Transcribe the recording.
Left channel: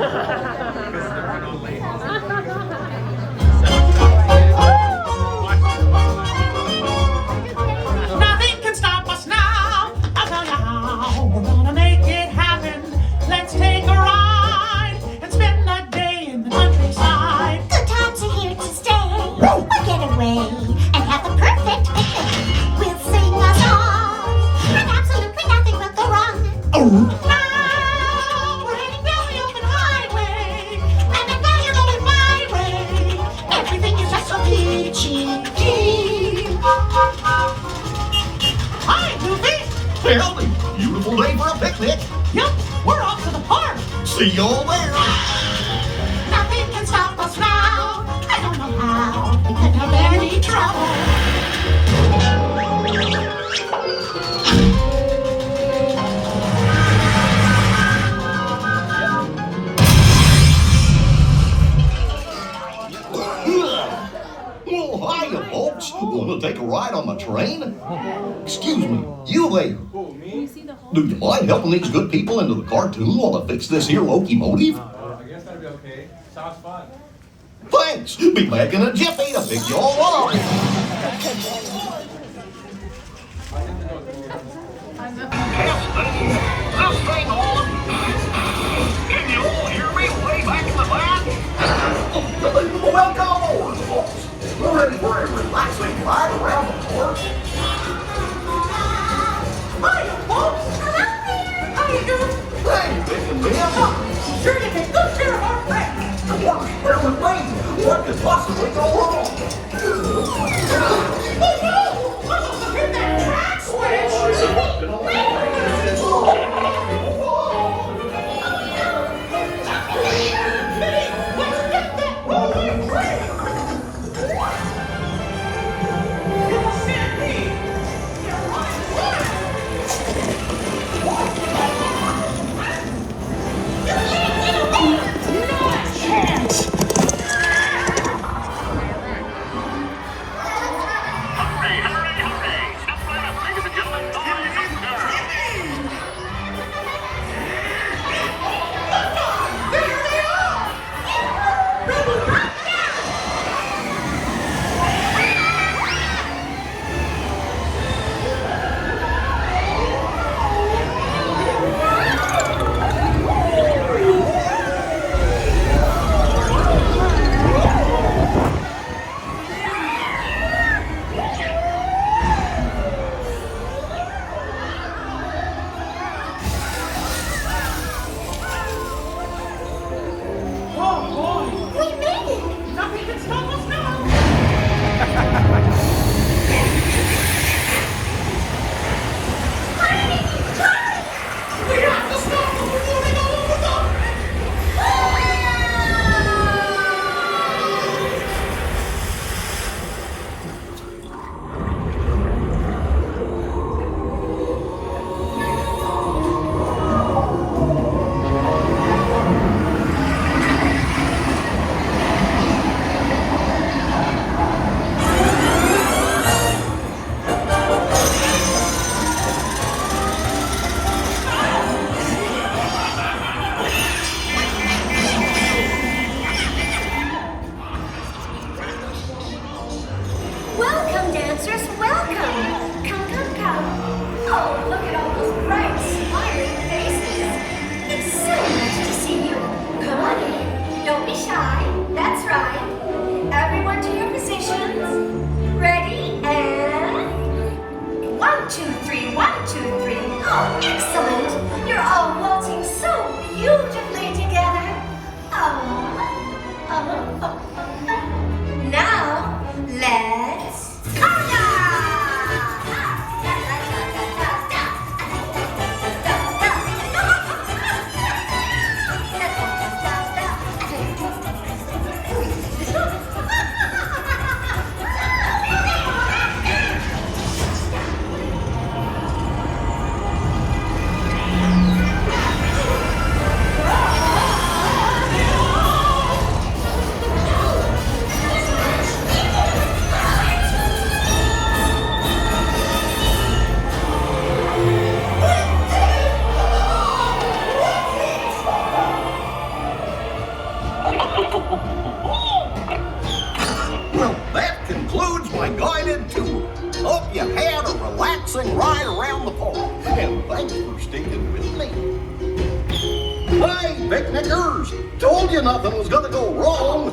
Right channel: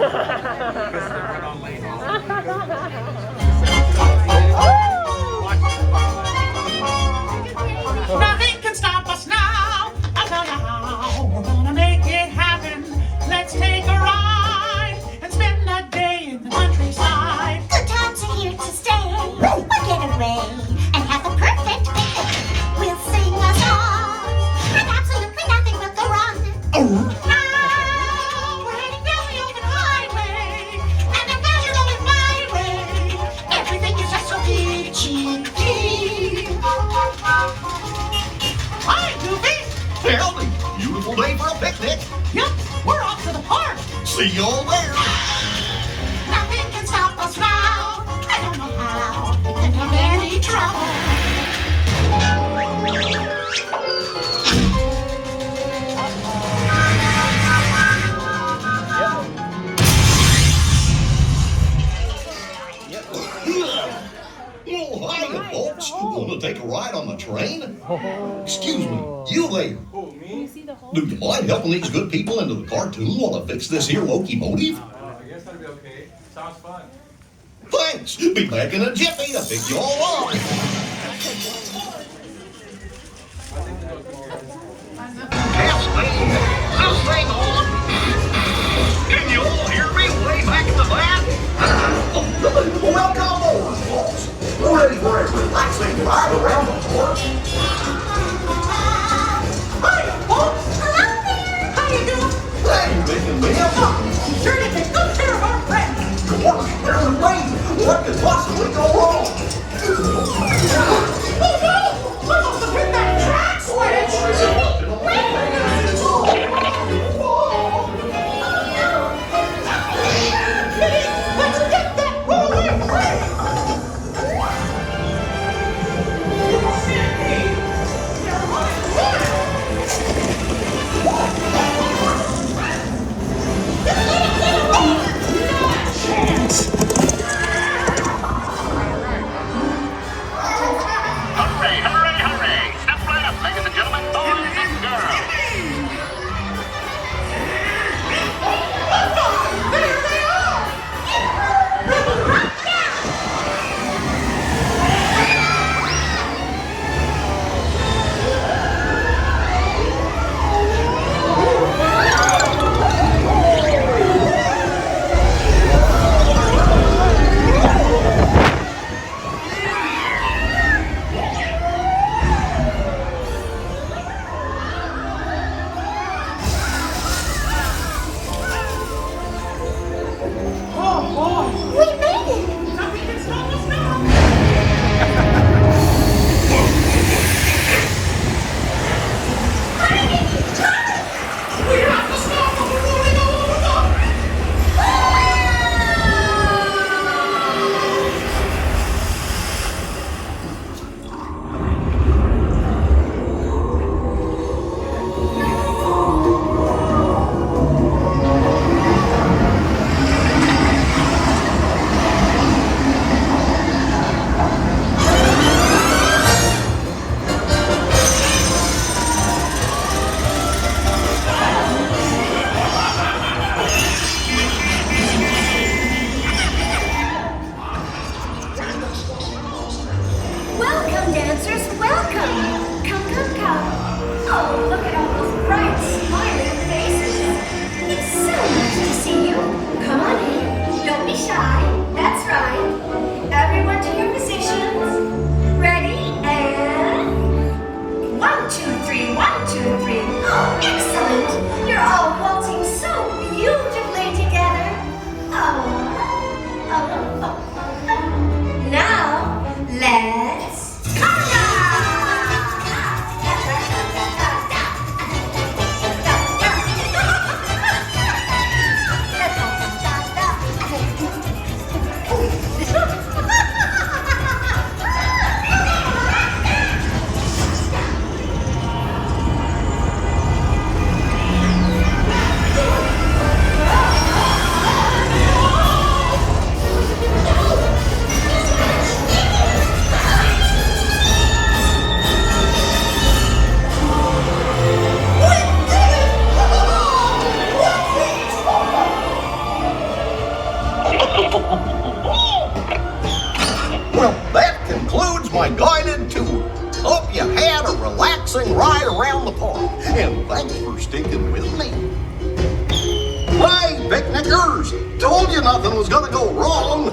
Nothing can stop us now. I'll tell you how. We're gonna make it happen. Let's take a ride and spend the day in the countryside. Good times are here to stay. We'll get away and have the perfect picnic. We'll sing a song, and absolutely nothing will go wrong. Now we're heading down the open highway, and now you're going my way. Everything is just so peachy. Hi, Goofy. Howdy, beautiful day for a picnic. Yep, we're off to the park. See y'all there. Nothing can stop us now. I don't know how. We could have any trouble. Oh, hiya, folks. Want to take a ride on the train? Excuse me, you there. Do you mind helping these good people into the cartoon while I fix this here locomotive? I guess that'd be okay. Sounds fun. Thanks. Be back in a jiffy to pick y'all up. I think we go through here. This thing on. Can you all hear me way back in the back? Welcome aboard, folks. We're ready for a relaxing ride around the park. Hiya, folks. Hello there. How you doing? Hey, making me happy. Sure to take good care of our friends. What could possibly go wrong? Oh no! I must have hit that track switch! Let's get that rolling train! They're running wild! Hooray! Step right up, ladies and gentlemen. There they are! Ready right now! Oh, boy. We made it! Nothing can stop us now. We have to stop them before they go over the... Welcome, dancers, welcome! Come, come, come. Oh, look at all those bright, smiling faces. It's so nice to see you. Come on in. Don't be shy. That's right. Everyone to your positions. Ready, and... 1, 2, 3, 1, 2, 3. Oh, excellent. You're all waltzing so beautifully together. Now, let's you had a relaxing ride around the park. And thanks for sticking with me. Hey, picnickers! Told you nothing was gonna go wrong.